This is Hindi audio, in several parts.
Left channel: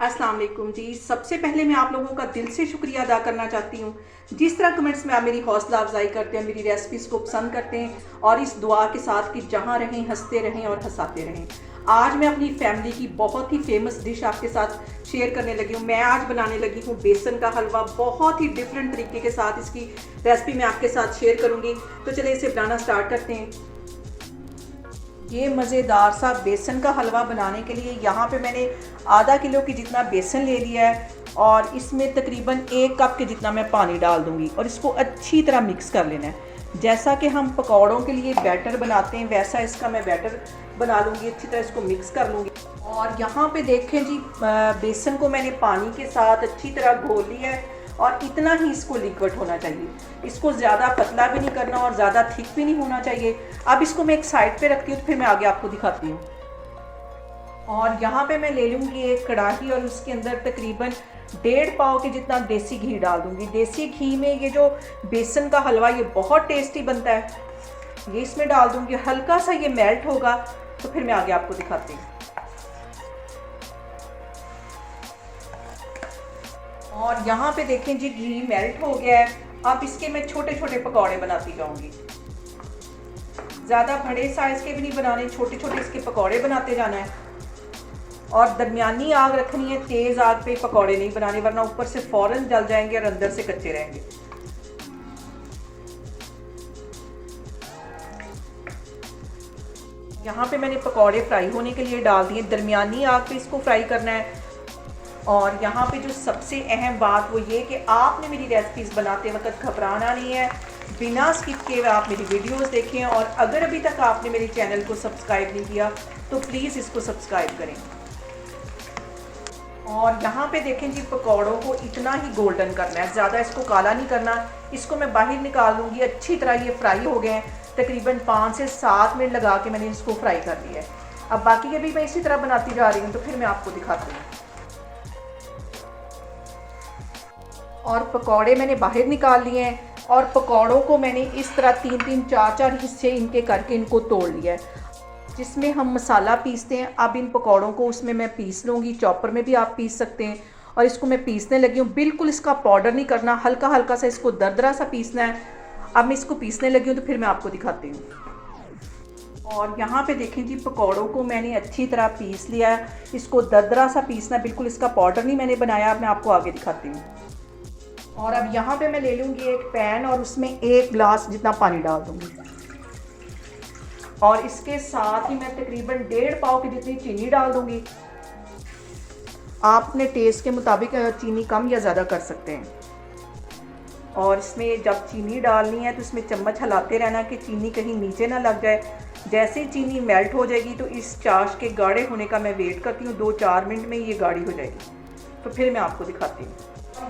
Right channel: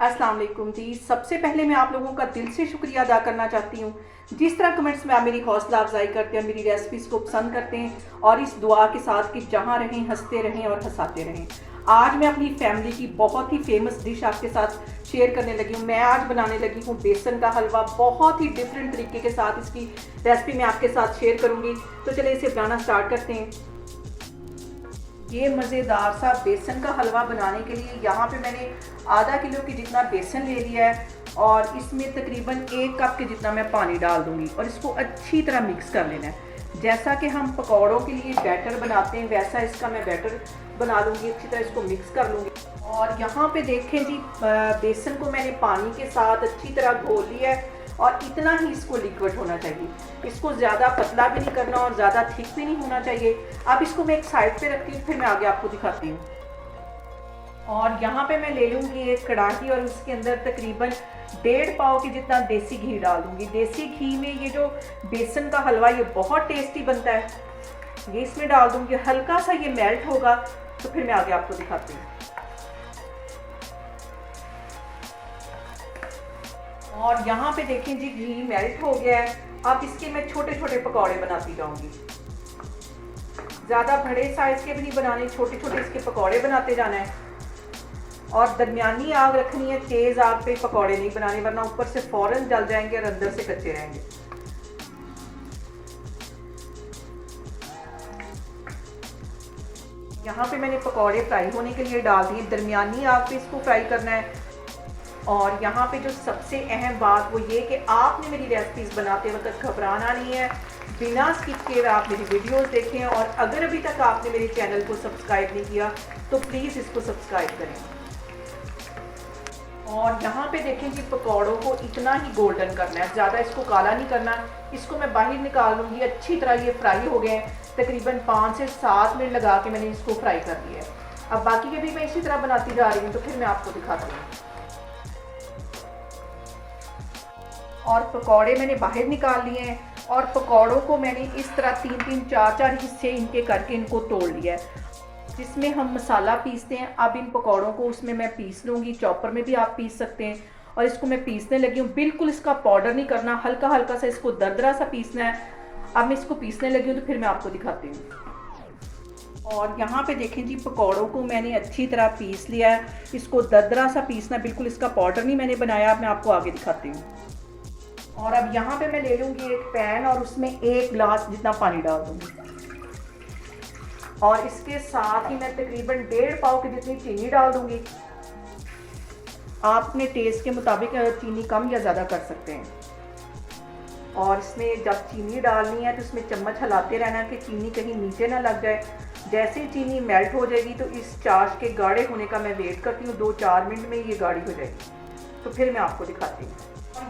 अस्सलाम वालेकुम जी। सबसे पहले मैं आप लोगों का दिल से शुक्रिया अदा करना चाहती हूँ। जिस तरह कमेंट्स में आप मेरी हौसला अफजाई करते हैं, मेरी रेसिपीज़ को पसंद करते हैं और इस दुआ के साथ कि जहाँ रहें हंसते रहें और हंसाते रहें। आज मैं अपनी फैमिली की बहुत ही फेमस डिश आपके साथ शेयर करने लगी हूँ। मैं आज बनाने लगी हूँ बेसन का हलवा। बहुत ही डिफरेंट तरीके के साथ इसकी रेसिपी मैं आपके साथ शेयर करूँगी। तो चलिए इसे बनाना स्टार्ट करते हैं। ये मज़ेदार सा बेसन का हलवा बनाने के लिए यहाँ पे मैंने आधा किलो की जितना बेसन ले लिया है और इसमें तकरीबन 1 कप के जितना मैं पानी डाल दूँगी और इसको अच्छी तरह मिक्स कर लेना है। जैसा कि हम पकौड़ों के लिए बैटर बनाते हैं वैसा इसका मैं बैटर बना लूँगी। अच्छी तरह इसको मिक्स कर लूँगी। और यहाँ पे देखें जी, बेसन को मैंने पानी के साथ अच्छी तरह घोल लिया है और इतना ही इसको लिक्विड होना चाहिए। इसको ज़्यादा पतला भी नहीं करना और ज़्यादा थिक भी नहीं होना चाहिए। अब इसको मैं एक साइड पे रखती हूँ, फिर मैं आगे आपको दिखाती हूँ। और यहाँ पे मैं ले लूँगी एक कढ़ाई और उसके अंदर तकरीबन 1.5 पाव के जितना देसी घी डाल दूँगी। देसी घी में ये जो बेसन का हलवा ये बहुत टेस्टी बनता है। ये इसमें डाल दूँगी। हल्का सा ये मेल्ट होगा तो फिर मैं आगे आपको दिखाती हूँ। और यहाँ पे देखें जी, घी मेल्ट हो गया है। अब इसके मैं छोटे छोटे पकौड़े बनाती जाऊंगी। ज़्यादा बड़े साइज़ के भी नहीं बनाने, छोटे छोटे इसके पकौड़े बनाते जाना है। और दरमियानी आग रखनी है, तेज़ आग पे पकौड़े नहीं बनाने, वरना ऊपर से फ़ौरन जल जाएंगे और अंदर से कच्चे रहेंगे। यहाँ पे मैंने पकौड़े फ्राई होने के लिए डाल दिए। दरमियानी आग पे इसको फ्राई करना है। और यहाँ पे जो सबसे अहम बात वो ये कि आपने मेरी रेसिपीज़ बनाते वक्त घबराना नहीं है। बिना स्किप किए आप मेरी वीडियोस देखें और अगर अभी तक आपने मेरे चैनल को सब्सक्राइब नहीं किया तो प्लीज़ इसको सब्सक्राइब करें। और यहाँ पे देखें जी, पकौड़ों को इतना ही गोल्डन करना है, ज़्यादा इसको काला नहीं करना। इसको मैं बाहर निकाल लूँगी। अच्छी तरह ये फ्राई हो गए हैं। तकरीबन 5 से 7 मिनट लगा के मैंने इसको फ्राई कर लिया है। अब बाकी के भी मैं इसी तरह बनाती जा रही हूँ, तो फिर मैं आपको दिखाती हूँ। और पकौड़े मैंने बाहर निकाल लिए हैं और पकौड़ों को मैंने इस तरह 3-3, 4-4 हिस्से इनके करके इनको तोड़ लिया है। जिसमें हम मसाला पीसते हैं, अब इन पकौड़ों को उसमें मैं पीस लूँगी। चॉपर में भी आप पीस सकते हैं। और इसको मैं पीसने लगी हूँ। बिल्कुल इसका पाउडर नहीं करना, हल्का हल्का सा इसको दरदरा सा पीसना है। अब मैं इसको पीसने लगी हूँ तो फिर मैं आपको दिखाती हूँ। और यहाँ पे देखें जी, पकौड़ों को मैंने अच्छी तरह पीस लिया है। इसको दरदरा सा पीसना, बिल्कुल इसका पाउडर नहीं मैंने बनाया। अब मैं आपको आगे दिखाती हूँ। और अब यहाँ पे मैं ले लूँगी एक पैन और उसमें 1 गिलास जितना पानी डाल दूँगी। और इसके साथ ही मैं तकरीबन 1.5 पाव की जितनी चीनी डाल दूँगी। आप अपने टेस्ट के मुताबिक चीनी कम या ज़्यादा कर सकते हैं। और इसमें जब चीनी डालनी है तो इसमें चम्मच हिलाते रहना कि चीनी कहीं नीचे ना लग जाए। जैसे चीनी मेल्ट हो जाएगी तो इस चाश के गाढ़े होने का मैं वेट करती हूँ। 2-4 मिनट में ये गाढ़ी हो जाएगी, तो फिर मैं आपको दिखाती हूँ।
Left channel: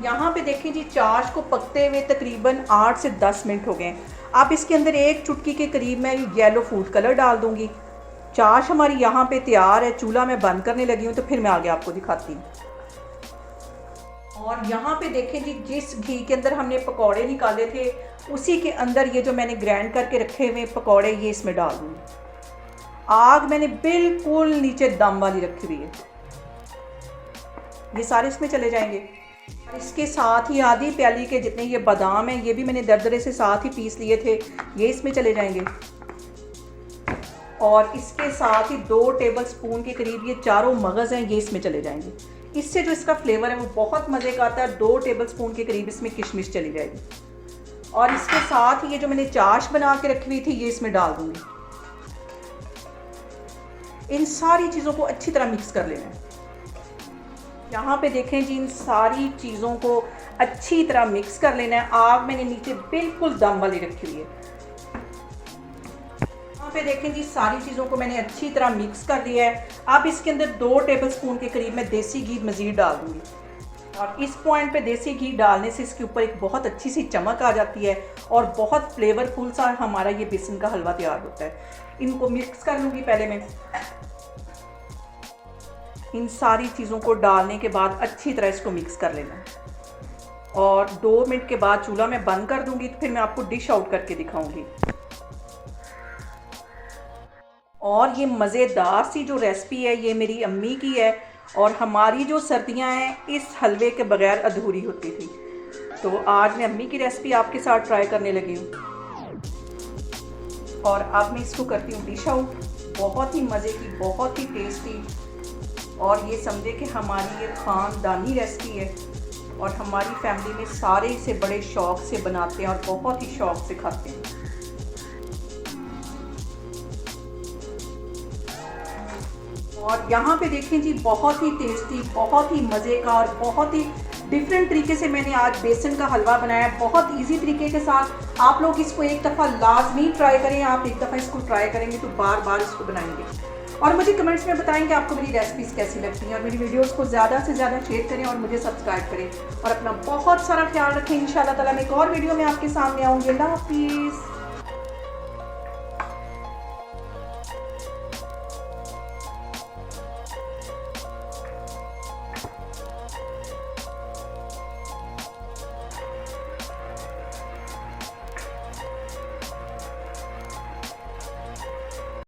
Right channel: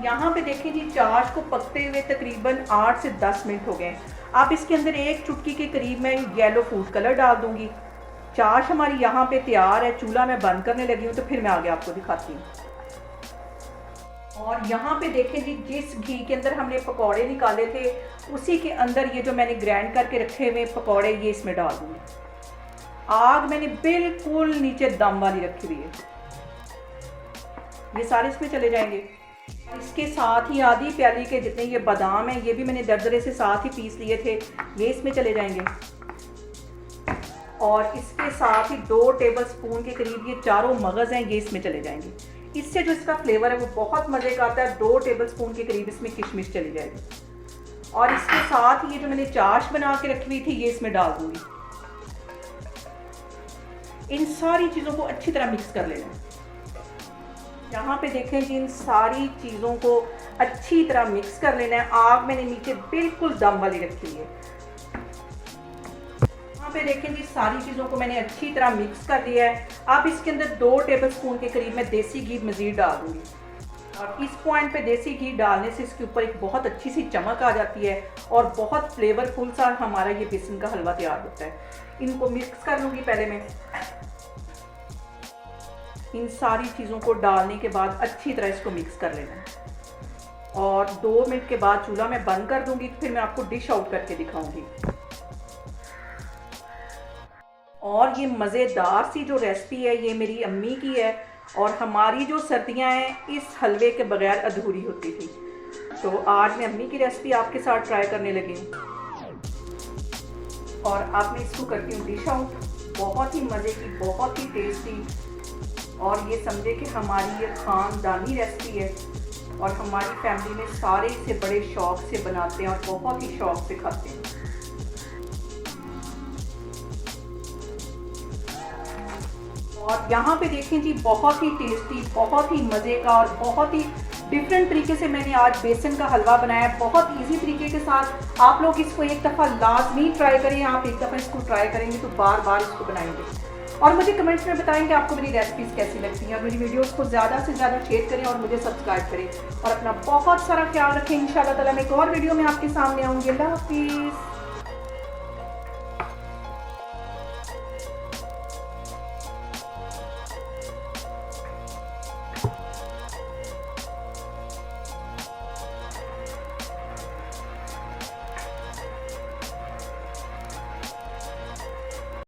यहाँ पे देखिए जी, चाश को पकते हुए तकरीबन 8 से 10 मिनट हो गए। अब इसके अंदर 1 चुटकी के करीब मैं येलो फूड कलर डाल दूँगी। चाश हमारी यहाँ पे तैयार है। चूल्हा मैं बंद करने लगी हूँ, तो फिर मैं आगे आपको दिखाती हूँ। और यहाँ पे देखें जी, जिस घी के अंदर हमने पकौड़े निकाले थे उसी के अंदर ये जो मैंने ग्राइंड करके रखे हुए पकौड़े ये इसमें डाल दूँगी। आग मैंने बिल्कुल नीचे दम वाली रखी हुई है। ये सारे इसमें चले जाएंगे। इसके साथ ही आधी प्याली के जितने ये बादाम हैं ये भी मैंने दरदरे से साथ ही पीस लिए थे, ये इसमें चले जाएंगे। और इसके साथ ही 2 टेबल स्पून के करीब ये चारों मगज़ हैं, ये इसमें चले जाएंगे। इससे जो इसका फ्लेवर है वो बहुत मज़े का आता है। 2 टेबल स्पून के करीब इसमें किशमिश चली जाएगी। और इसके साथ ही ये जो मैंने चाश बना के रखी हुई थी ये इसमें डाल दूँगी। इन सारी चीज़ों को अच्छी तरह मिक्स कर लेना है। यहाँ पे देखें जी, इन सारी चीज़ों को अच्छी तरह मिक्स कर लेना है। आग मैंने नीचे बिल्कुल दम वाली रखी हुई है। यहाँ पे देखें जी, सारी चीज़ों को मैंने अच्छी तरह मिक्स कर दिया है। अब इसके अंदर 2 टेबल स्पून के करीब मैं देसी घी मज़ीद डाल दूँगी। और इस पॉइंट पे देसी घी डालने से इसके ऊपर एक बहुत अच्छी सी चमक आ जाती है और बहुत फ्लेवरफुल सा हमारा ये बेसन का हलवा तैयार होता है। इनको मिक्स कर लूँगी पहले मैं। इन सारी चीज़ों को डालने के बाद अच्छी तरह इसको मिक्स कर लेना है। और 2 मिनट के बाद चूल्हा मैं बंद कर दूंगी, तो फिर मैं आपको डिश आउट करके दिखाऊंगी। और ये मज़ेदार सी जो रेसिपी है ये मेरी अम्मी की है। और हमारी जो सर्दियां हैं इस हलवे के बगैर अधूरी होती थी। तो आज मैं अम्मी की रेसिपी आपके साथ ट्राई करने लगी हूँ और अब मैं इसको करती हूँ डिश आउट। बहुत ही मज़े की, बहुत ही टेस्टी, और ये समझे कि हमारी ये खानदानी रेसिपी है और हमारी फैमिली में सारे इसे बड़े शौक से बनाते हैं और बहुत ही शौक से खाते हैं। और यहाँ पे देखें जी, बहुत ही टेस्टी, बहुत ही मज़े का और बहुत ही डिफरेंट तरीके से मैंने आज बेसन का हलवा बनाया है, बहुत इजी तरीके के साथ। आप लोग इसको एक दफ़ा लाजमी ट्राई करें, आप एक दफ़ा इसको ट्राई करेंगे तो बार बार इसको बनाएंगे और मुझे कमेंट्स में बताएं कि आपको मेरी रेसिपीज़ कैसी लगती हैं। और मेरी वीडियोस को ज़्यादा से ज़्यादा शेयर करें और मुझे सब्सक्राइब करें और अपना बहुत सारा ख्याल रखें। इंशाल्लाह ताला मैं एक और वीडियो में आपके सामने आऊँगी। अल्लाह हाफिज़।